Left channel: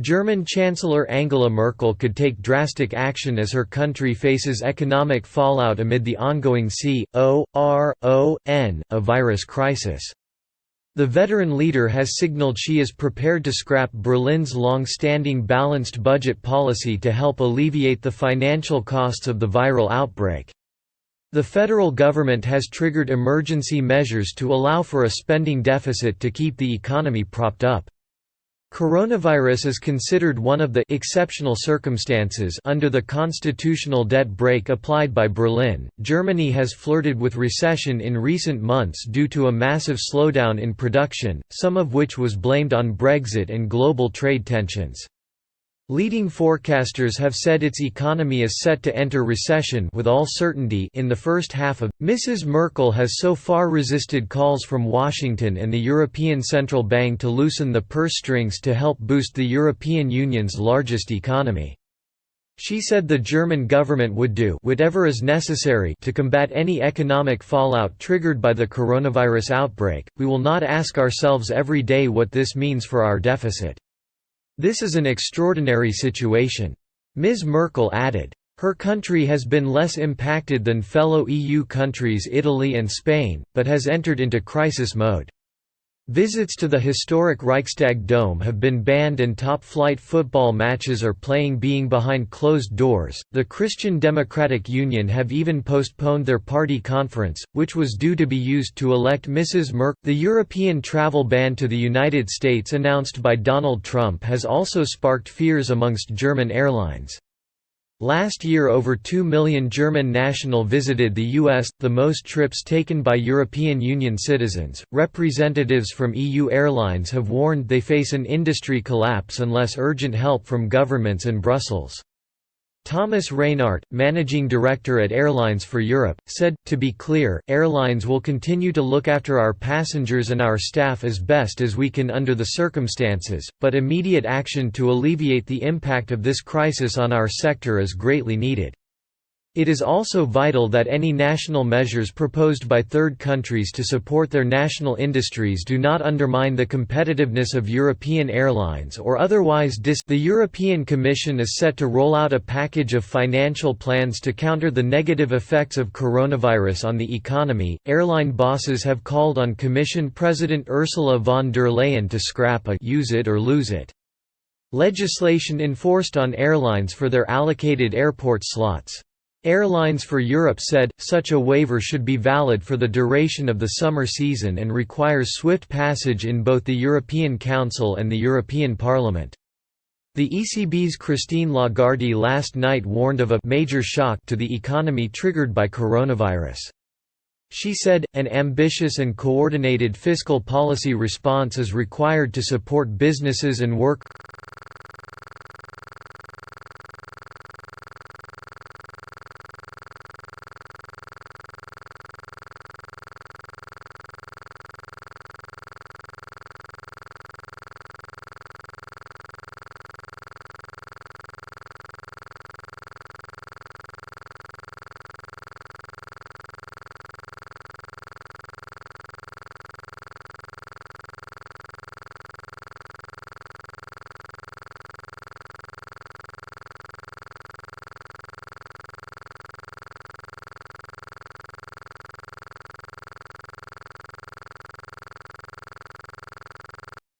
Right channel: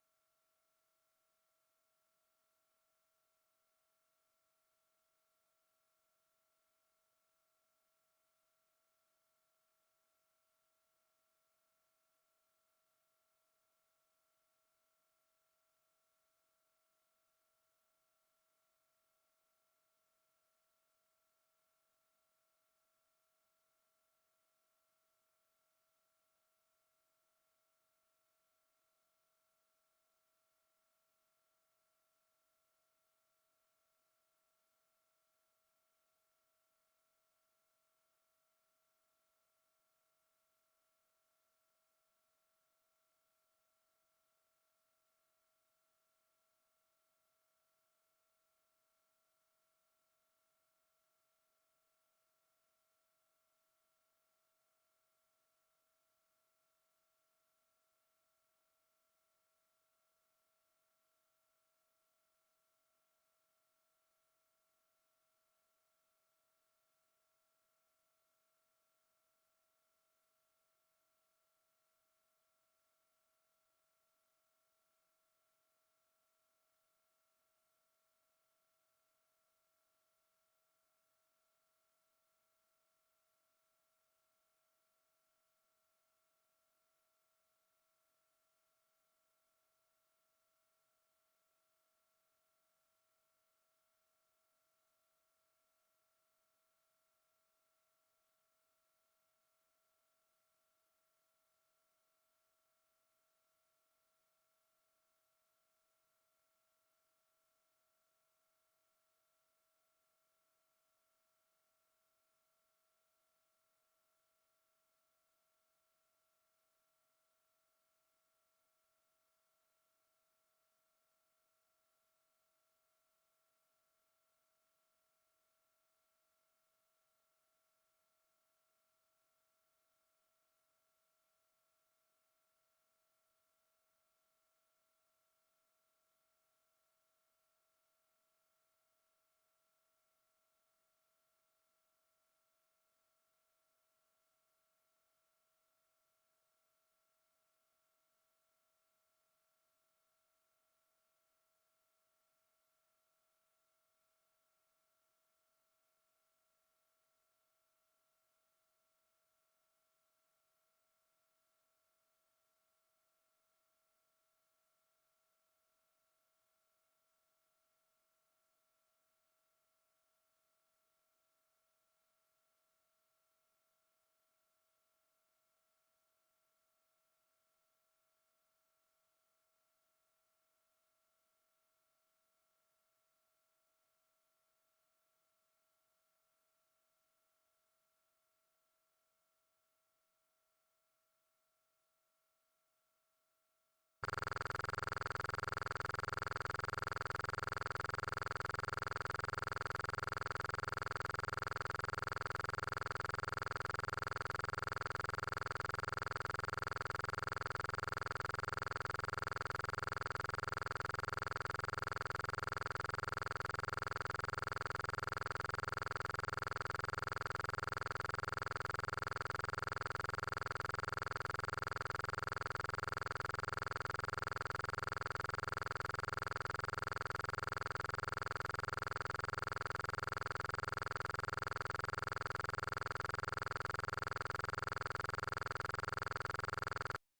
German Chancellor Angela Merkel could take drastic action as her country faces economic fallout amid the ongoing a virus crisis. The veteran leader has signaled she is prepared to scrap Berlin's long-standing balanced budget policy to help alleviate the financial costs of the viral outbreak. The federal government has triggered emergency measures to allow for a spending deficit to keep the economy propped up. Coronavirus is considered one of the exceptional circumstances under the constitutional debt brake applied by Berlin. Germany has flirted with recession in recent months due to a massive slowdown in production, some of which was blamed on Brexit and global trade tensions. Leading forecasters have said its economy is set to enter recession with all certainty in the first half of. Mrs. Merkel has so far resisted calls from Washington and the European Central Bank to loosen the purse strings to help boost the European Union's largest economy. She said the German government would do whatever is necessary to combat any economic fallout triggered by the coronavirus outbreak. We will not ask ourselves every day what this means for our deficit. This is an extraordinary situation. Ms. Merkel added. Her country has been less impacted than fellow EU countries Italy and Spain, but has entered into crisis mode. Visits to the historic Reichstag Dome have been banned and top-flight football matches are being behind closed doors. The Christian Democratic Union have even postponed their party conference, which was due to be used to elect Mrs. Merkel. The European travel ban to the United States announced by Donald Trump has also sparked fears amongst German airlines. Last year over 2 million German nationals visited the US, the most trips taken by European Union citizens. Representatives from EU airlines have warned they face an industry collapse unless urgent help from governments and Brussels. Thomas Reinhardt, managing director at Airlines for Europe, said, "To be clear, airlines will continue to look after our passengers and our staff as best as we can under the circumstances, but immediate action to alleviate the impact of this crisis on our sector is greatly needed. It is also vital that any national measures proposed by third countries to support their national industries do not undermine the competitiveness of European airlines or otherwise The European Commission is set to roll out a package of financial plans to counter the negative effects of coronavirus on the economy. Airline bosses have called on Commission President Ursula von der Leyen to scrap a use it or lose it legislation enforced on airlines for their allocated airport slots. Airlines for Europe said, such a waiver should be valid for the duration of the summer season and requires swift passage in both the European Council and the European Parliament. The ECB's Christine Lagarde last night warned of a major shock to the economy triggered by coronavirus. She said, an ambitious and coordinated fiscal policy response is required to support businesses and workers.